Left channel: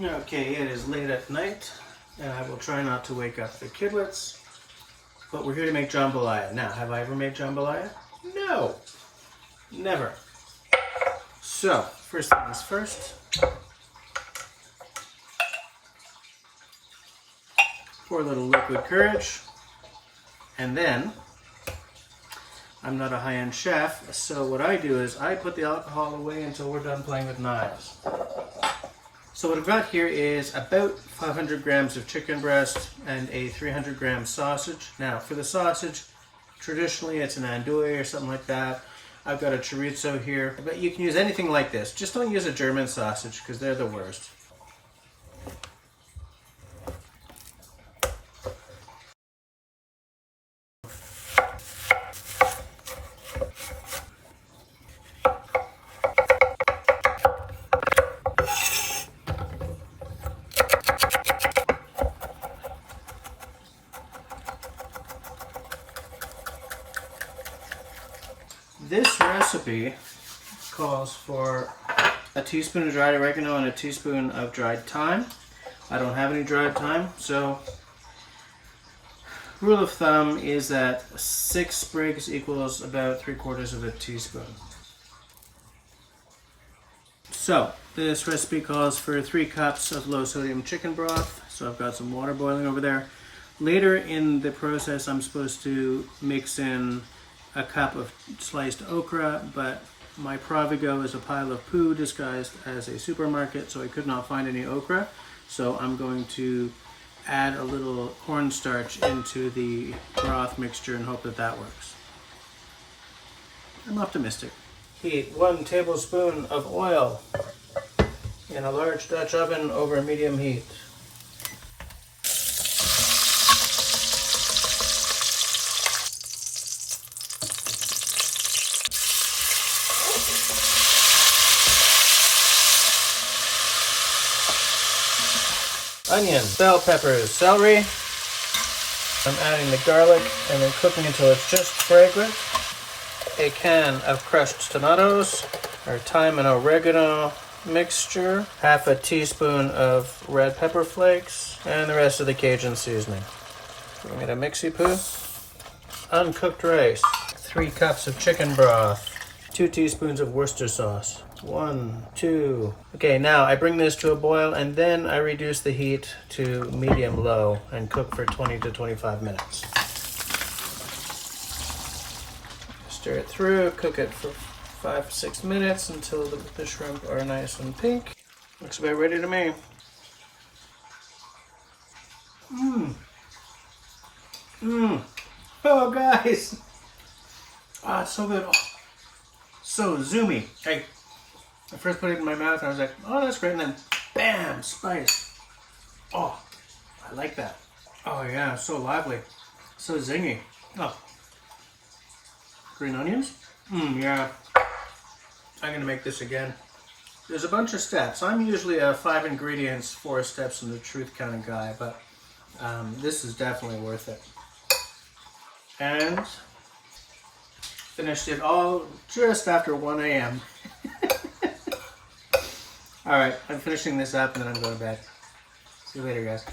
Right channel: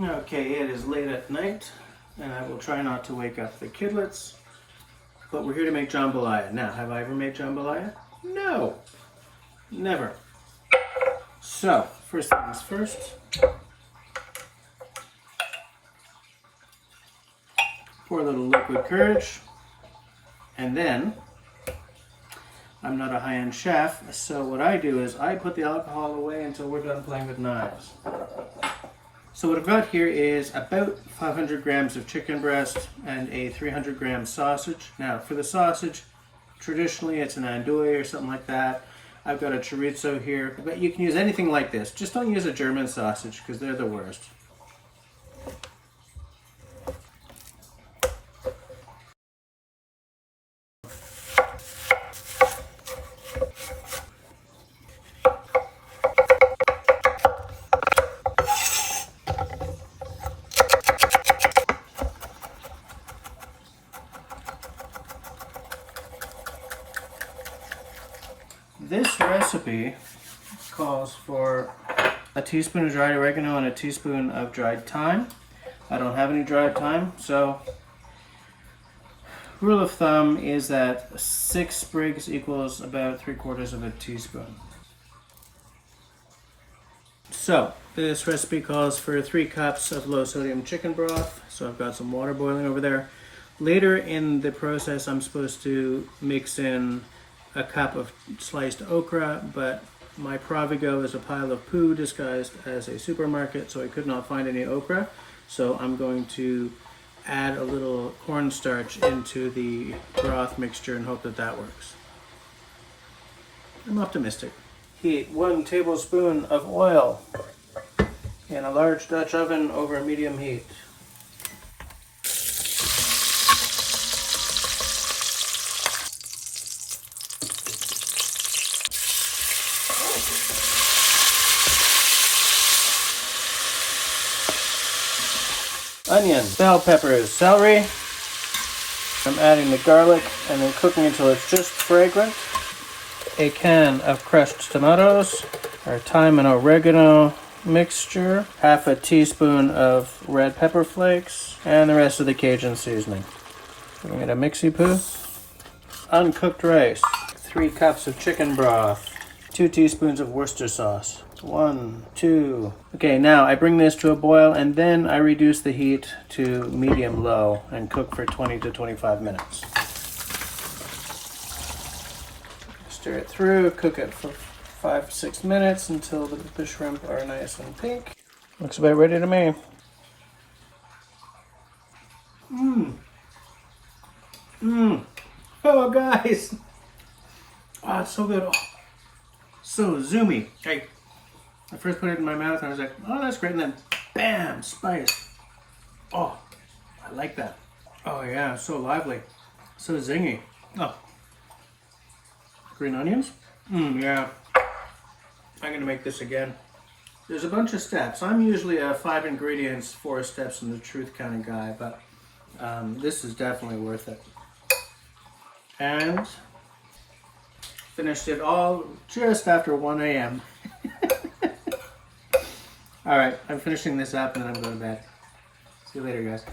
Okay, it is late at night, and I will try not to wake up the kidlets, but we're here to make jambalaya. Now, have I ever made jambalaya? No, never. So, first things first. Pour a little liquid courage, and then, I'm not a high-end chef, so what I do is I put the alcohol away until we're done playing with knives. So what I've got here is about 500 grams of chicken breast and a 300 gram sausage. Now for the sausage, traditionally it's an andouille or something like that. I've got a chorizo here, but you can use anything like this. Just don't use a German sausage because they're the worst. This recipe calls for a teaspoon of dried oregano and a teaspoon of dried thyme. I don't have any dried thyme, so rule of thumb is that 6 sprigs equals about 3/4 of a teaspoon. So this recipe calls for 3 cups of low sodium chicken broth. So I've got some water boiling over there. Later in the process, I'm supposed to mix in a cup of sliced okra, but my Provigo is a pile of poo disguised as a supermarket, so I could not find any okra. So I'm going to add a little cornstarch into the broth mixture and hope that that works. I'm optimistic. Heat 1 tablespoon of oil in a large Dutch oven over medium heat. Onions, bell peppers, celery. I'm adding the garlic and then cooking until it's just fragrant. A can of crushed tomatoes, our thyme and oregano mixture, half a teaspoon of red pepper flakes, and the rest of the Cajun seasoning. We made a mixy poo. Uncooked rice, 3 cups of chicken broth, 2 teaspoons of Worcester sauce. 1, 2. Okay, now I bring this to a boil and then I reduce the heat to medium-low and cook for 20 to 25 minutes. Stir it through, cook it for 5 to 6 minutes until the shrimp are nice and pink. Looks about ready to me. Oh, guys! Ah, it's so good. Oh, so zoomy. Hey. I first put it in my mouth and I was like, oh, that's great. And then, bam, spice. Oh, I like that. Oh, yeah, so lively. So zingy. Oh. Green onions? Yeah. I'm going to make this again. There's a bunch of steps. I'm usually a 5 ingredients, 4 steps in the truth kind of guy, but this is definitely worth it. And finished it all just after 1 a.m. Alright, I'm finishing this up and then I'm going to bed. See you later, guys.